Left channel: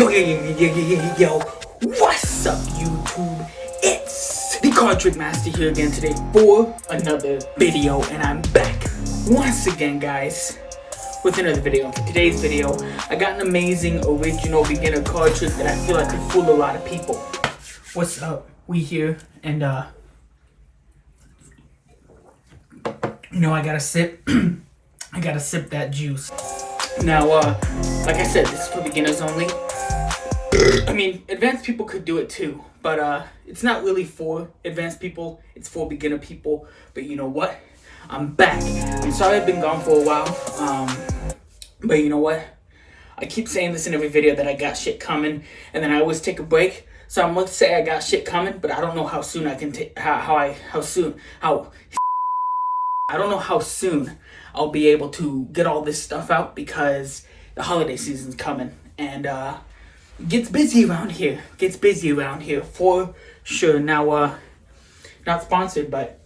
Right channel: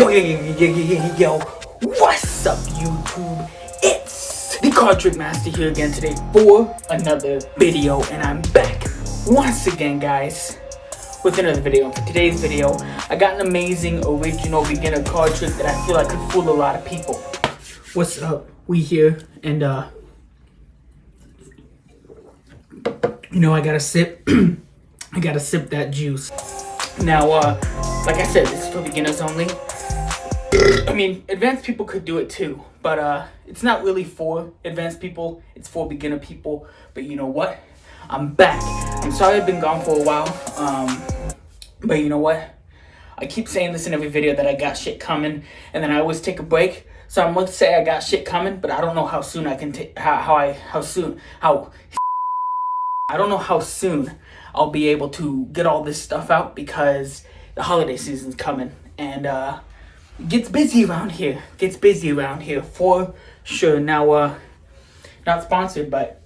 Yo, what's up YouTube? It's the Card Trick Master here again today for another video, and I'm back once again, guys, with another video. For today's video, I got an amazing original beginner card trick that I feel like could fool a lot of people. What's up? We here, and you know, I gotta sip I gotta sip that juice. Now, like I said, this is for beginners only. I mean, advanced people could do it too, but it's not really for advanced people, it's for beginner people. But you know what? I'm back. I'm sorry I've been gone for a while, but you know what? I keep saying this in every video that I got shit coming, and then I always take a break. So I'm gonna say I got shit coming, but I don't know how soon I can take, I don't know how soon I'll be able to get all this stuff out, because the holiday season's coming, and it gets busy around here. For sure. Now, not sponsored, but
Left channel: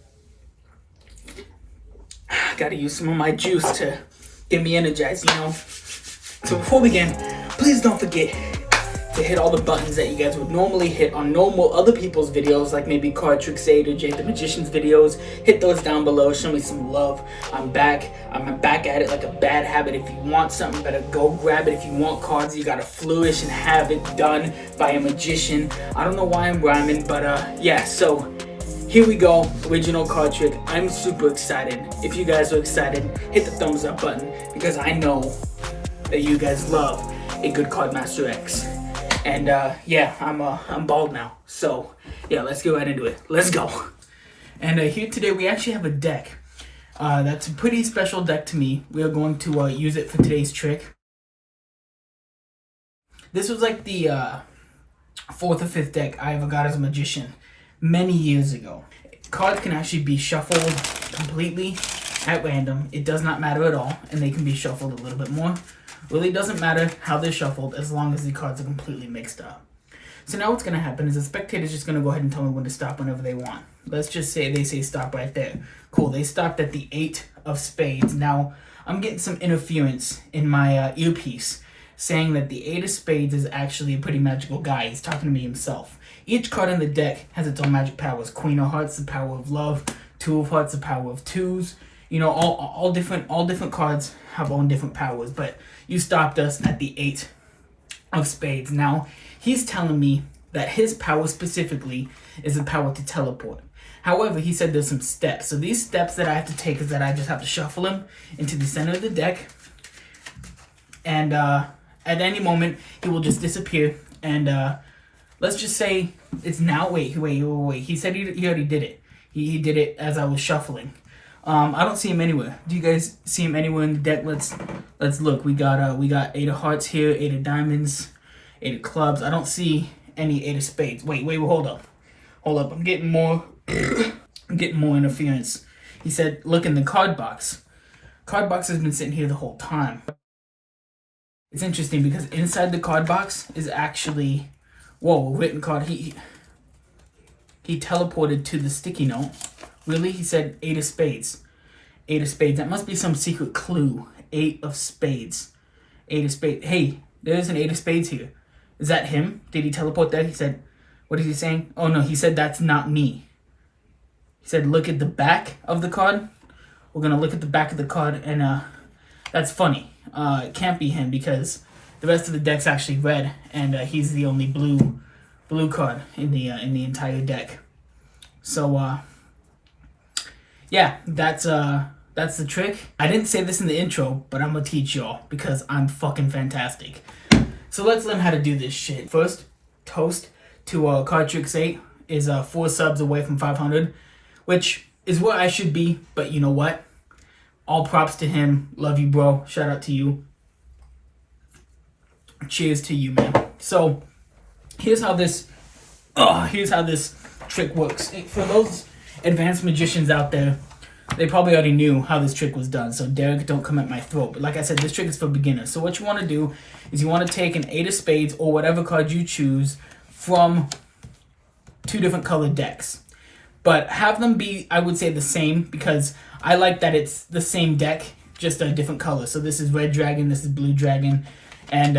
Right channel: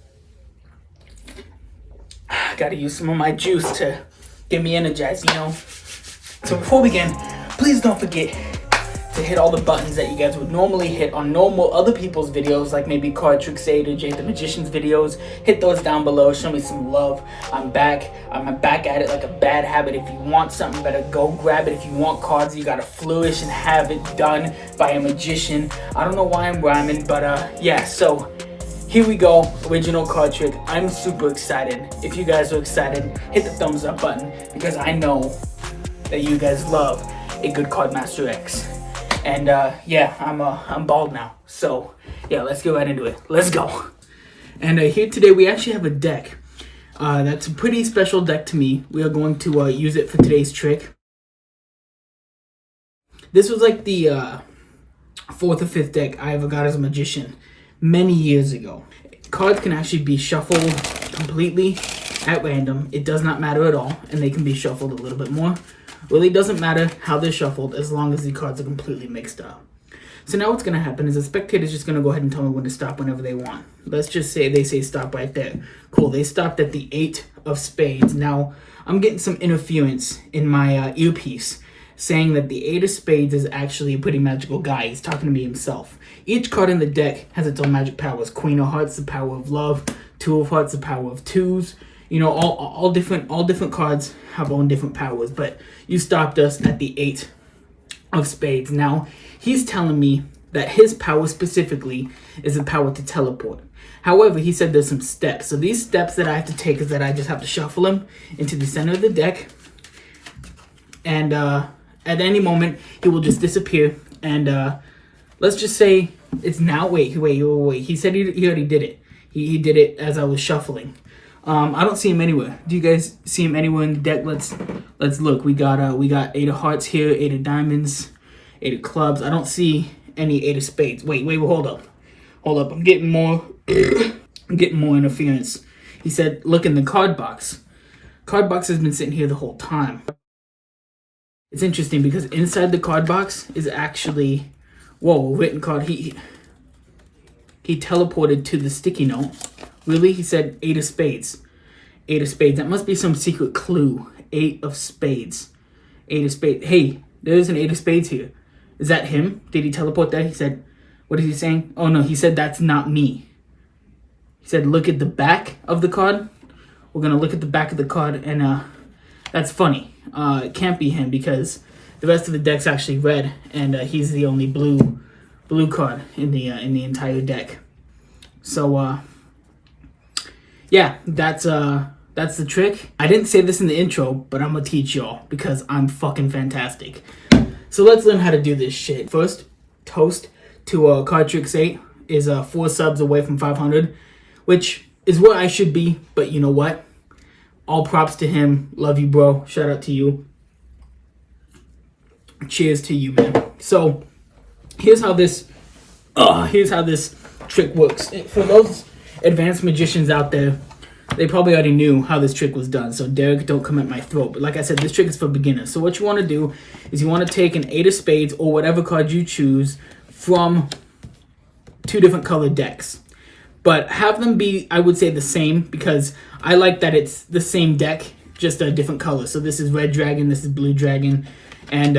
I gotta use some of my juice to get me energized, you know. So before we begin, please don't forget to hit all the buttons that you guys would normally hit on normal other people's videos, like maybe Card Trick 8 or Jay the Magician's videos. Hit those down below, show me some love. I'm back at it like a bad habit. If you want something, better go grab it. If you want cards, you gotta flourish and have it done by a magician. I don't know why I'm rhyming, but yeah, so here we go, original card trick. I'm super excited. If you guys are excited, hit the thumbs up button, because I know that you guys love a good Card Master X. And yeah, I'm bald now. So yeah, let's get right into it. Let's go. And here today we actually have a deck. That's a pretty special deck to me. We are going to use it for today's trick. This was like the 4th or 5th deck I ever got as a magician many years ago. Cards can actually be shuffled completely at random. It does not matter at all, and they can be shuffled a little bit more. Really doesn't matter how they're shuffled, as long as the cards are completely mixed up. So now what's going to happen is the spectator's just going to go ahead and tell me when to stop whenever they want. Let's just say they say stop right there. Cool, they stopped at the 8 of spades. Now, I'm getting some interference in my earpiece saying that the 8 of spades is actually a pretty magical guy. He's talking to me himself. Each card in the deck has its own magic powers. Queen of Hearts, the power of love. 2 of Hearts, the power of twos. You know, all different cards have own different powers, but you stopped us at the 8 of spades. Now, he's telling me that his power specifically is the power to teleport. However, he said there's some steps. So these steps that I have to take is that I just have to shuffle him into the center of the deck, and at any moment he will just disappear. And let's just say it's now. Wait. He said he already did it. He did it as I was shuffling. I don't see him anywhere. Do you guys see him anywhere in the deck? Let's look. We got 8 of Hearts here, 8 of Diamonds, 8 of Clubs. I don't see any 8 of Spades. Wait, hold up. I'm getting more interference. He said, look in the card box. Card box has been sitting here the whole time. It's interesting because inside the card box is actually, whoa, a written card. He teleported to the sticky note. Really? He said 8 of spades. 8 of spades. That must be some secret clue. 8 of spades. 8 of spades. Hey, there's an 8 of spades here. Is that him? Did he teleport that? He said, what is he saying? Oh no, he said that's not me. He said look at the back of the card. We're going to look at the back of the card, and that's funny. It can't be him, because the rest of the deck's actually red, and he's the only blue card in the entire deck. So yeah, that's the trick. I didn't say this in the intro, but I'm gonna teach y'all because I'm fucking fantastic. So let's learn how to do this shit. First, toast to Card Trick 8 is 4 subs away from 500, which is where I should be. But you know what? All props to him. Love you, bro. Shout out to you. Cheers to you, man. So here's how this trick works. For those advanced magicians out there, they probably already knew how this trick was done, so Derek, don't come at my throat. But like I said, this trick is for beginners. So what you want to do is you want to take an 8 of spades or whatever card you choose from 2 different colored decks, but have them be, I would say, the same, because I like that it's the same deck, just a different color. So this is red dragon, this is blue dragon, and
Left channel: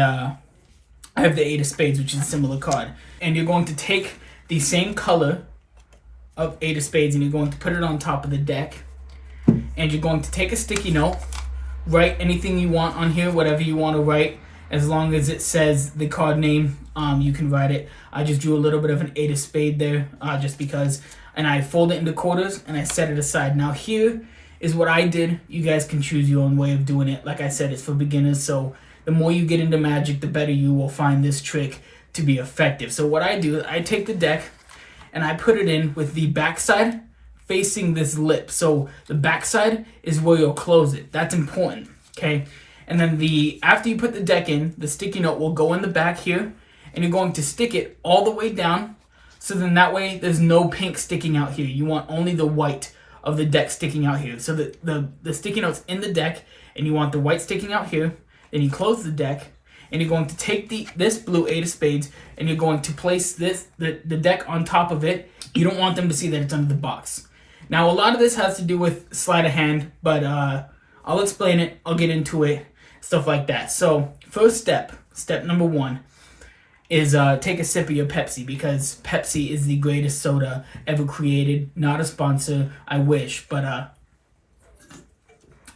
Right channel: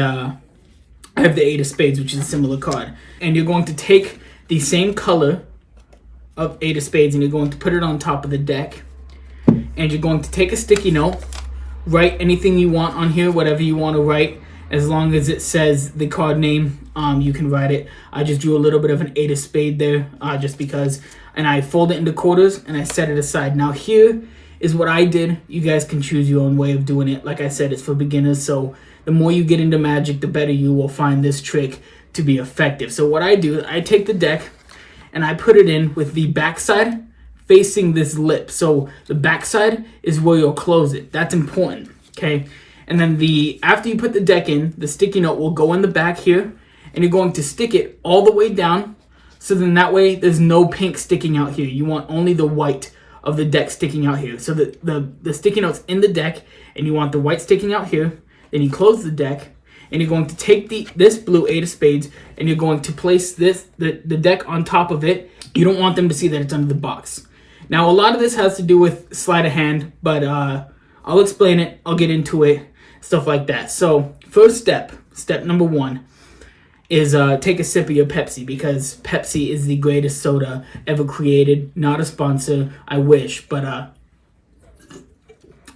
I have the 8 of spades, which is a similar card. And you're going to take the same color of 8 of spades and you're going to put it on top of the deck. And you're going to take a sticky note, write anything you want on here, whatever you want to write, as long as it says the card name, you can write it. I just drew a little bit of an 8 of spade there, just because, and I fold it into quarters and I set it aside. Now here is what I did. You guys can choose your own way of doing it. Like I said, it's for beginners, so the more you get into Magic, the better you will find this trick to be effective. So what I do, I take the deck and I put it in with the backside facing this lip. So the backside is where you'll close it. That's important, okay? And then after you put the deck in, the sticky note will go in the back here, and you're going to stick it all the way down, so then that way there's no pink sticking out here. You want only the white of the deck sticking out here. So the sticky note's in the deck, and you want the white sticking out here. Then you close the deck, and you're going to take this blue 8 of spades, and you're going to place the deck on top of it. You don't want them to see that it's under the box. Now, a lot of this has to do with sleight of hand, but I'll explain it. I'll get into it, stuff like that. So, first step number 1, is take a sip of your Pepsi, because Pepsi is the greatest soda ever created. Not a sponsor, I wish, but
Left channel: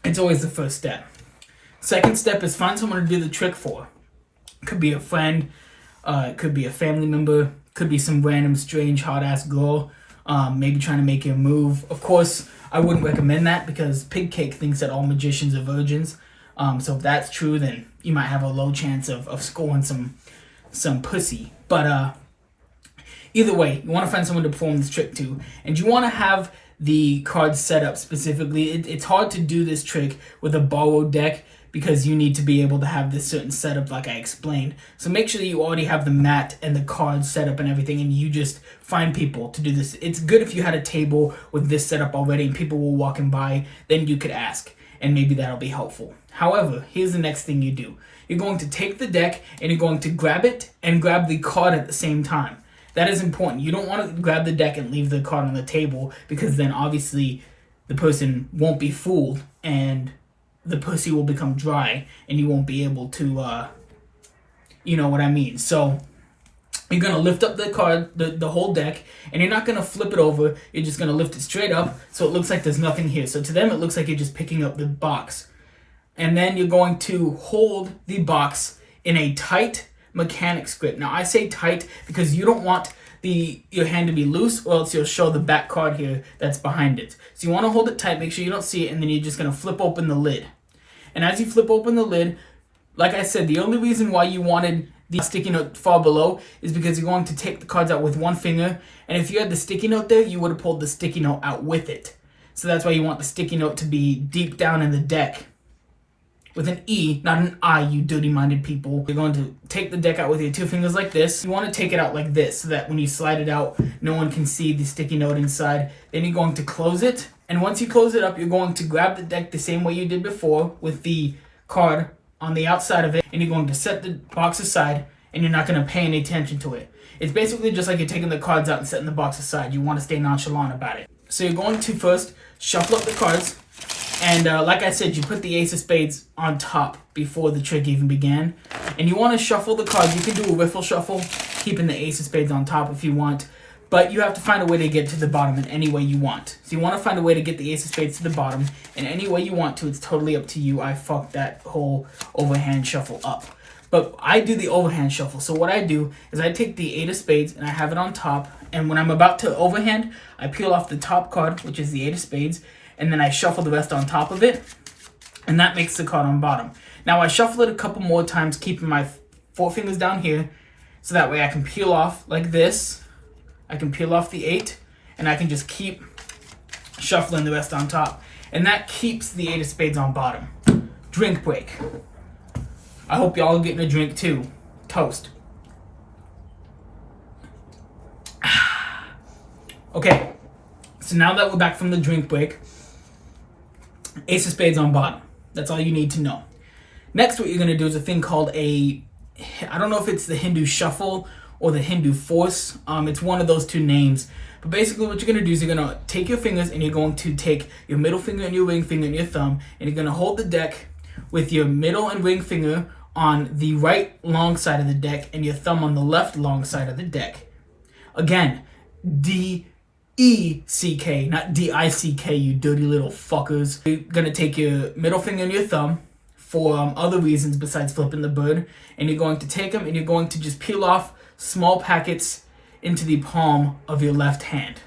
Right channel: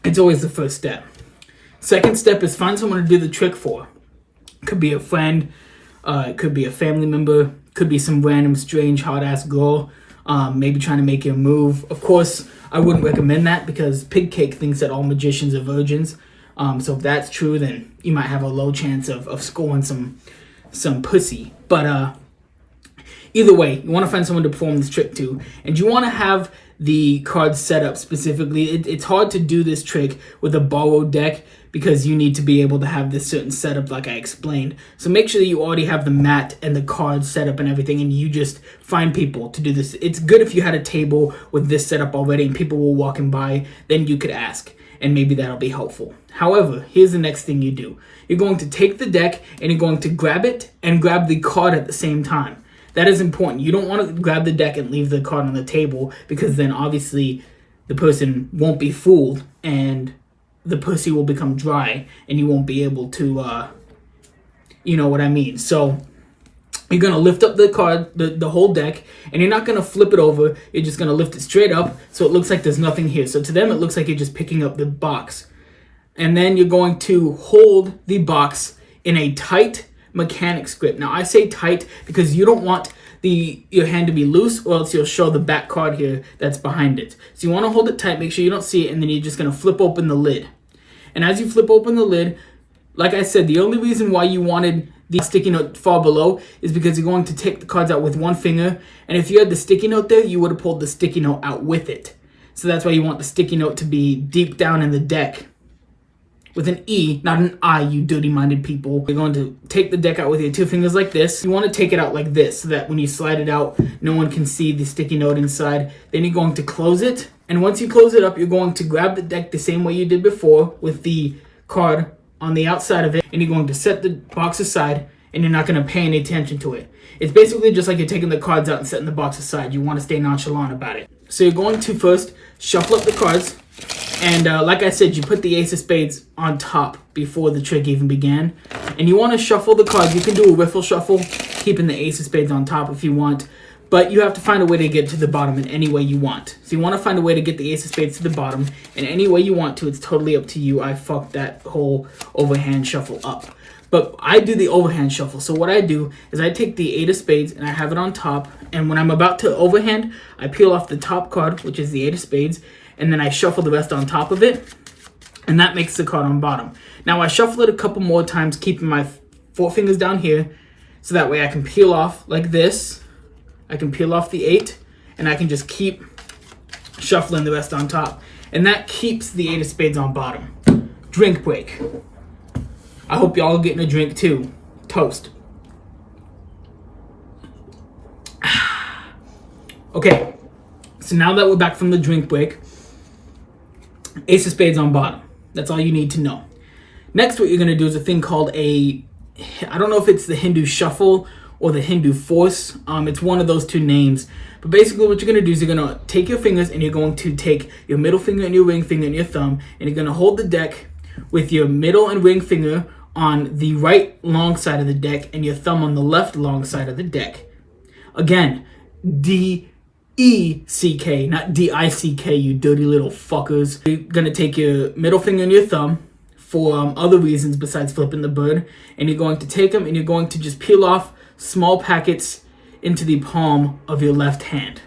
it's always the first step. Second step is find someone to do the trick for. Could be a friend, it could be a family member, could be some random strange hot-ass girl, maybe trying to make you a move. Of course, I wouldn't recommend that because Pig Cake thinks that all magicians are virgins. So if that's true, then you might have a low chance of scoring some pussy. But either way, you want to find someone to perform this trick to, and you want to have the cards set up specifically. It's hard to do this trick with a borrowed deck because you need to be able to have this certain setup like I explained. So make sure that you already have the mat and the cards set up and everything, and you just find people to do this. It's good if you had a table with this setup already and people were walking by, then you could ask, and maybe that'll be helpful. However, here's the next thing you do. You're going to take the deck and you're going to grab it and grab the card at the same time. That is important. You don't want to grab the deck and leave the card on the table, because then obviously the person won't be fooled and the pussy will become dry and you won't be able to, you know what I mean. So you're going to lift up the card, the whole deck, and you're not going to flip it over. You're just going to lift it straight up so it looks like there's nothing here. So to them, it looks like you're just picking up the box. And then you're going to hold the box in a tight mechanics grip. Now, I say tight because you don't want your hand to be loose, or else you'll show the back card here that's behind it. So you want to hold it tight, make sure you don't see it, and then you're just going to flip open the lid. And as you flip open the lid, like I said, the only reason why you wanted the sticky note far below is because you're going to take the cards out with one finger, and if you had the sticky note there, you would have pulled the sticky note out with it. So that's why you want the sticky note to be deep down in the deck. With an E, not an I, you dirty-minded people. You're going to take the deck out with your 2 fingers like this. You want to take it out like this so that when you slide it out, no one can see the sticky note inside. Then you're going to close it. And once you close it up, you're going to grab the deck the same way you did before with the card on the outside of it. And you're going to set the box aside, and you're not going to pay any attention to it. It's basically just like you're taking the cards out and setting the box aside. You want to stay nonchalant about it. So you're going to first shuffle up the cards. And like I said, you put the ace of spades on top before the trick even began. And you want to shuffle the cards. You can do a riffle shuffle, keeping the ace of spades on top if you want. But you have to find a way to get to the bottom in any way you want. So you want to find a way to get the ace of spades to the bottom in any way you want to. It's totally up to you. I fucked that whole overhand shuffle up. But I do the overhand shuffle. So what I do is I take the 8 of spades and I have it on top. And when I'm about to overhand, I peel off the top card, which is the 8 of spades. And then I shuffle the rest on top of it, and that makes the card on bottom. Now I shuffle it a couple more times, keeping my 4 fingers down here, so that way I can peel off like this. I can peel off the 8, and I can just keep shuffling the rest on top. And that keeps the 8 of spades on bottom. Drink break. I hope y'all are getting a drink too. Toast. Okay, so now that we're back from the drink break, ace of spades on bottom. That's all you need to know. Next, what you're going to do is a thing called I don't know if it's the Hindu shuffle or the Hindu force. It's one of those 2 names. But basically what you're going to do is you're going to take your fingers and you're going to take your middle finger and your ring finger and your thumb, and you're going to hold the deck with your middle and ring finger on the right long side of the deck and your thumb on the left long side of the deck. Again, D-E-C-K, not D-I-C-K, you dirty little fuckers. You're gonna take your middle finger and your thumb for other reasons besides flipping the bird, and you're going to take them and you're going to just peel off small packets into the palm of your left hand.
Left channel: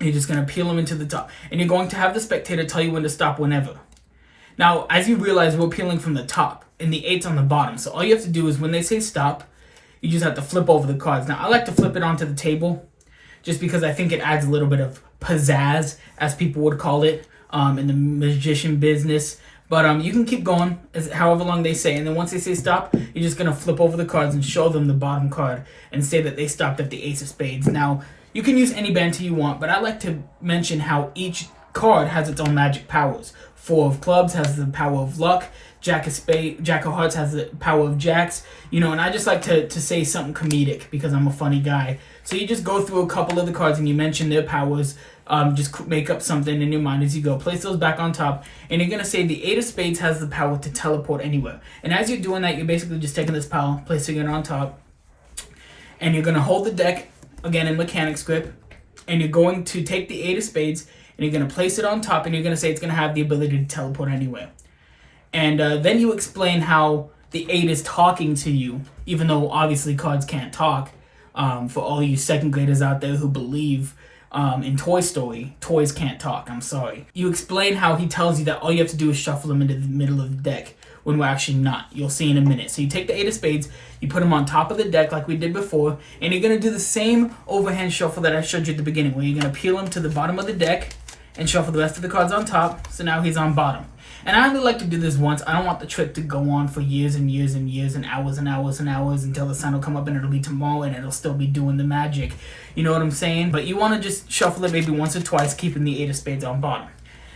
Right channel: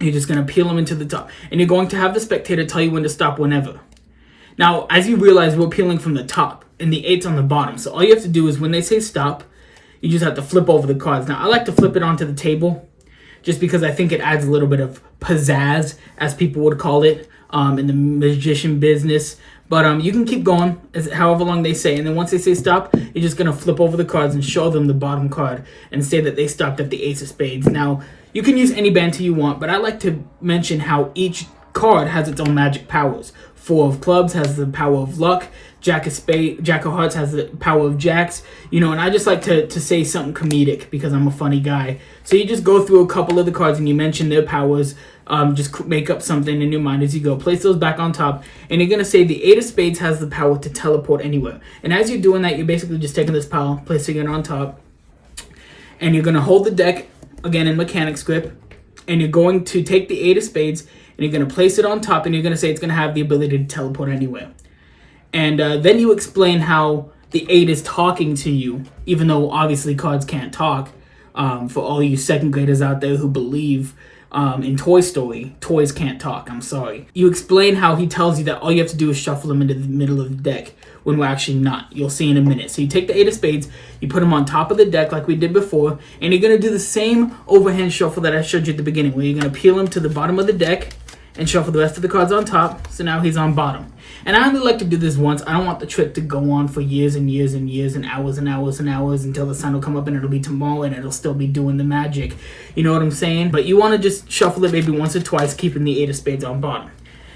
You're just going to peel them into the top, and you're going to have the spectator tell you when to stop whenever. Now, as you realize, we're peeling from the top, and the 8's on the bottom, so all you have to do is when they say stop, you just have to flip over the cards. Now, I like to flip it onto the table, just because I think it adds a little bit of pizzazz, as people would call it, in the magician business. But you can keep going however long they say. And then once they say stop, you're just going to flip over the cards and show them the bottom card and say that they stopped at the ace of spades. Now, you can use any banter you want, but I like to mention how each card has its own magic powers. 4 of clubs has the power of luck. Jack of hearts has the power of jacks. And I just like to say something comedic because I'm a funny guy. So you just go through a couple of the cards and you mention their powers. Just make up something in your mind as you go. Place those back on top, and you're going to say the 8 of spades has the power to teleport anywhere. And as you're doing that, you're basically just taking this power, placing it on top, and you're going to hold the deck, again in mechanics grip, and you're going to take the 8 of spades, and you're going to place it on top, and you're going to say it's going to have the ability to teleport anywhere. And then you explain how the 8 is talking to you, even though obviously cards can't talk. For all you second graders out there who believe in Toy Story, toys can't talk, I'm sorry. You explain how he tells you that all you have to do is shuffle them into the middle of the deck, when we're actually not. You'll see in a minute. So you take the 8 of spades, you put them on top of the deck like we did before, and you're going to do the same overhand shuffle that I showed you at the beginning, where you're going to peel him to the bottom of the deck and shuffle the rest of the cards on top, so now he's on bottom. And I only like to do this once. I don't want the trick to go on for years and years and years and hours and hours and hours until the sun will come up and it'll be tomorrow and it'll still be doing the magic. You know what I'm saying? But you want to just shuffle it maybe once or twice, keeping the 8 of spades on bottom.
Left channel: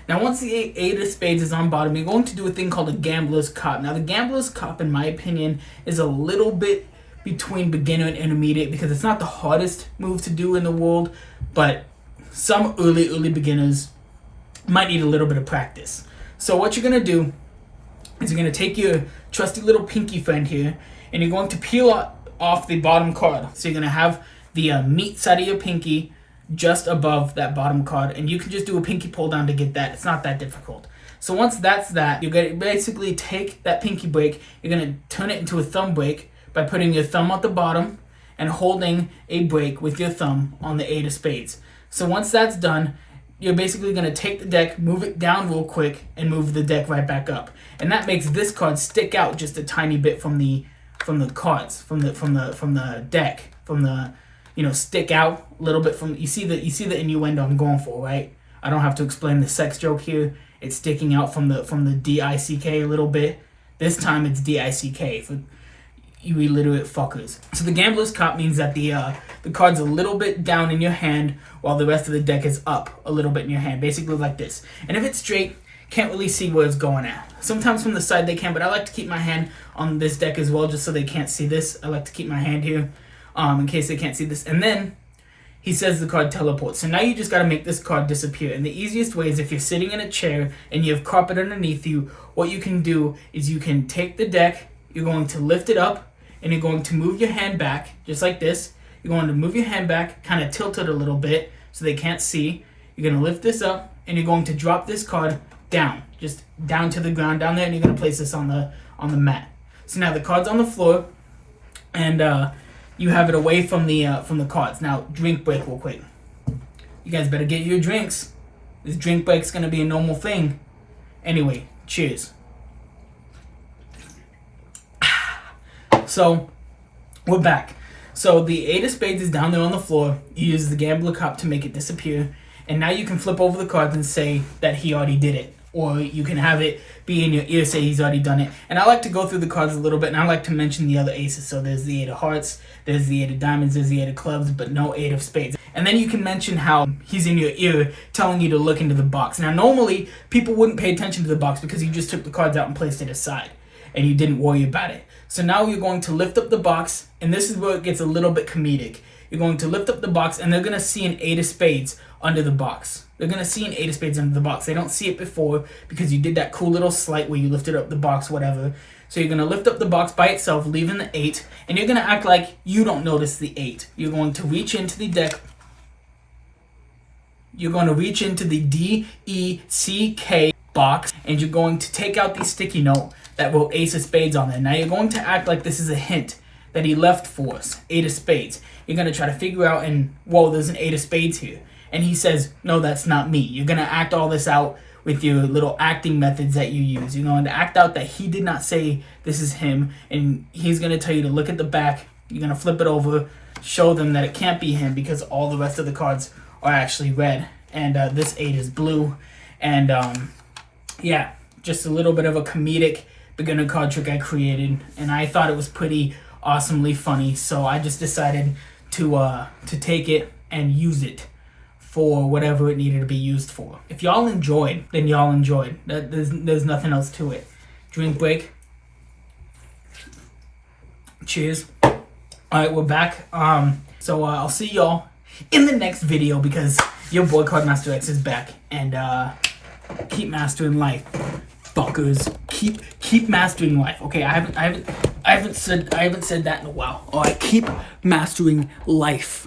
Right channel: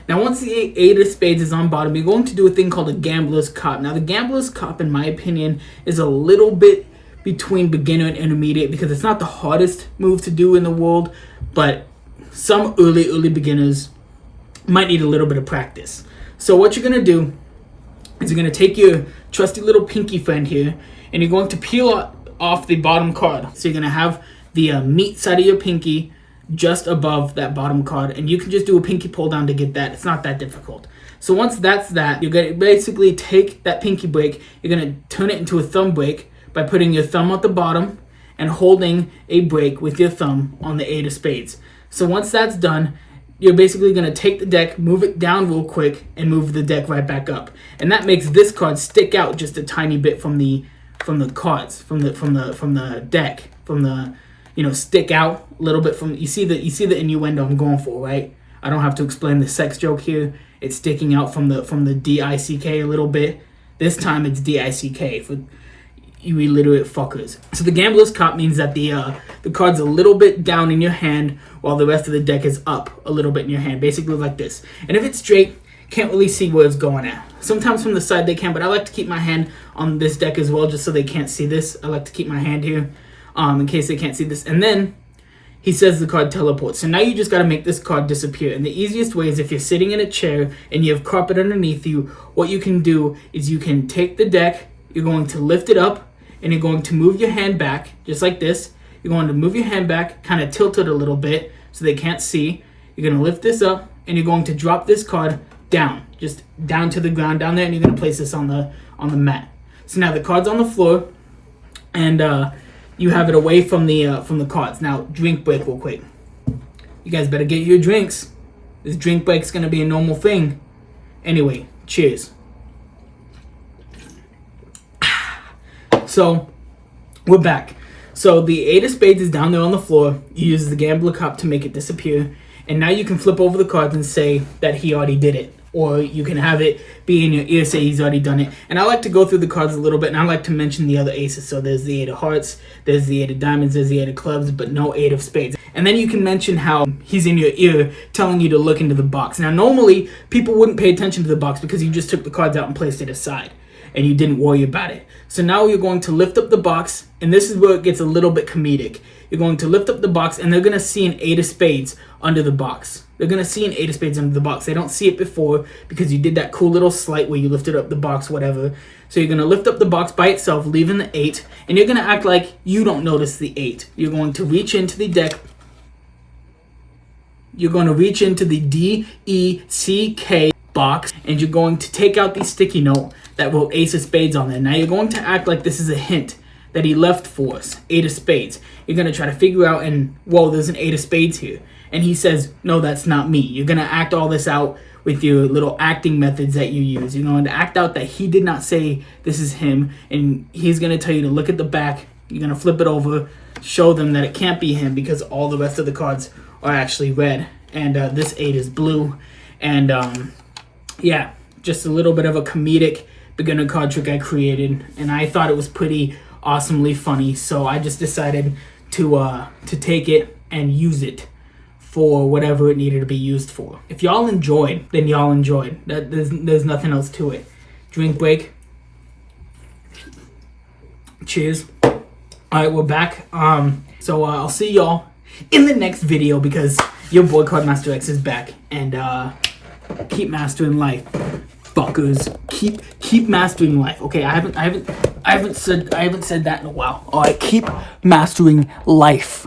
Now, once the 8 of spades is on bottom, you're going to do a thing called a gambler's cop. Now, the gambler's cop, in my opinion, is a little bit between beginner and intermediate because it's not the hardest move to do in the world, but some early beginners might need a little bit of practice. So what you're going to do is you're going to take your trusty little pinky friend here, and you're going to peel off the bottom card. So you're going to have the meat side of your pinky just above that bottom card, and you can just do a pinky pull down to get that. It's not that difficult. So once that's that, you're going to basically take that pinky break, you're going to turn it into a thumb break by putting your thumb at the bottom and holding a break with your thumb on the 8 of spades. So once that's done, you're basically going to take the deck, move it down real quick, and move the deck right back up. And that makes this card stick out just a tiny bit from the cards, from the deck, stick out a little bit from. You see the innuendo I'm going for, right? I don't have to explain the sex joke here. It's sticking out from the D-I-C-K a little bit. This time it's D-I-C-K for you illiterate fuckers. So the gambler's cop means that the card's a little bit down in your hand while the rest of the deck is up a little bit in your hand, basically like this. And if it's straight, can't really see where it's going at. Sometimes from the side they can, but I like to keep my hand on this deck as well just so they can't see this. I like to keep my hand here in case they can't see this. And then he says the card teleports. So now you just got to make this card disappear. And the easiest way is if you're sitting in a chair and you have carpet underneath you, what you can do is you can take the deck, you're going to lift it up, and you're going to move your hand back, just like this. You're going to move your hand back, kind of tilt it a little bit so they can't see. You're going to lift this up, and you're going to drop this card down, just down to the ground down there, and you're going to place this on the mat. So now the card's on the floor, and you have it away from the cards. Now, drink break real quick. You guys better get your drinks. This drink break's going to be a normal thing. Anyway, cheers. So, we're back. So, the 8 of spades is down there on the floor. You use the gambler cop to make it disappear. And now you can flip over the cards and say that he already did it. Or you can have it be in your ear, say he's already done it. And I like to go through the cards a little bit, and I like to mention the other aces. So, there's the 8 of hearts, there's the 8 of diamonds, there's the 8 of clubs, but no 8 of spades. And then you can mention how he's in your ear telling you to look into the box. Now, normally, people wouldn't pay attention to the box because you just took the cards out and placed it aside. And you didn't worry about it. So now you're going to lift up the box, and this is where it gets a little bit comedic. You're going to lift up the box, and they're going to see an 8 of spades under the box. They're going to see an 8 of spades under the box. They don't see it before because you did that cool little sleight where you lifted up the box, whatever. So you're going to lift up the box by itself, leaving the 8, and you're going to act like you don't notice the 8. You're going to reach into the deck. You're going to reach into the D-E-C-K box, and you're going to take out the sticky note that wrote Ace of Spades on there. Now you're going to act like this is a hint that he left for us, 8 of Spades. You're going to try to figure out, and whoa, there's an 8 of Spades here. And he says, no, that's not me. You're going to act all this out with your little acting methods that you use. You're going to act out that he did not say this is him, and he's going to tell you to look at the back. You're going to flip it over, show them that it can't be him because all the rest of the cards are actually red, and this 8 is blue. And yeah, just a little bit of a comedic beginner card trick I created, and I thought it was pretty awesomely funny, so I just decided to take it and use it for whatever it needed to be used for. If y'all enjoyed, then y'all enjoyed. There's nothing else to it. Drink break. Cheers. All right, we're back. So I'll see y'all in the next video because your boy Cardmaster X is back, and keep mastering life, fuckers. Keep mastering life. Okay, I haven't said that in a while. All right, keep mastering life.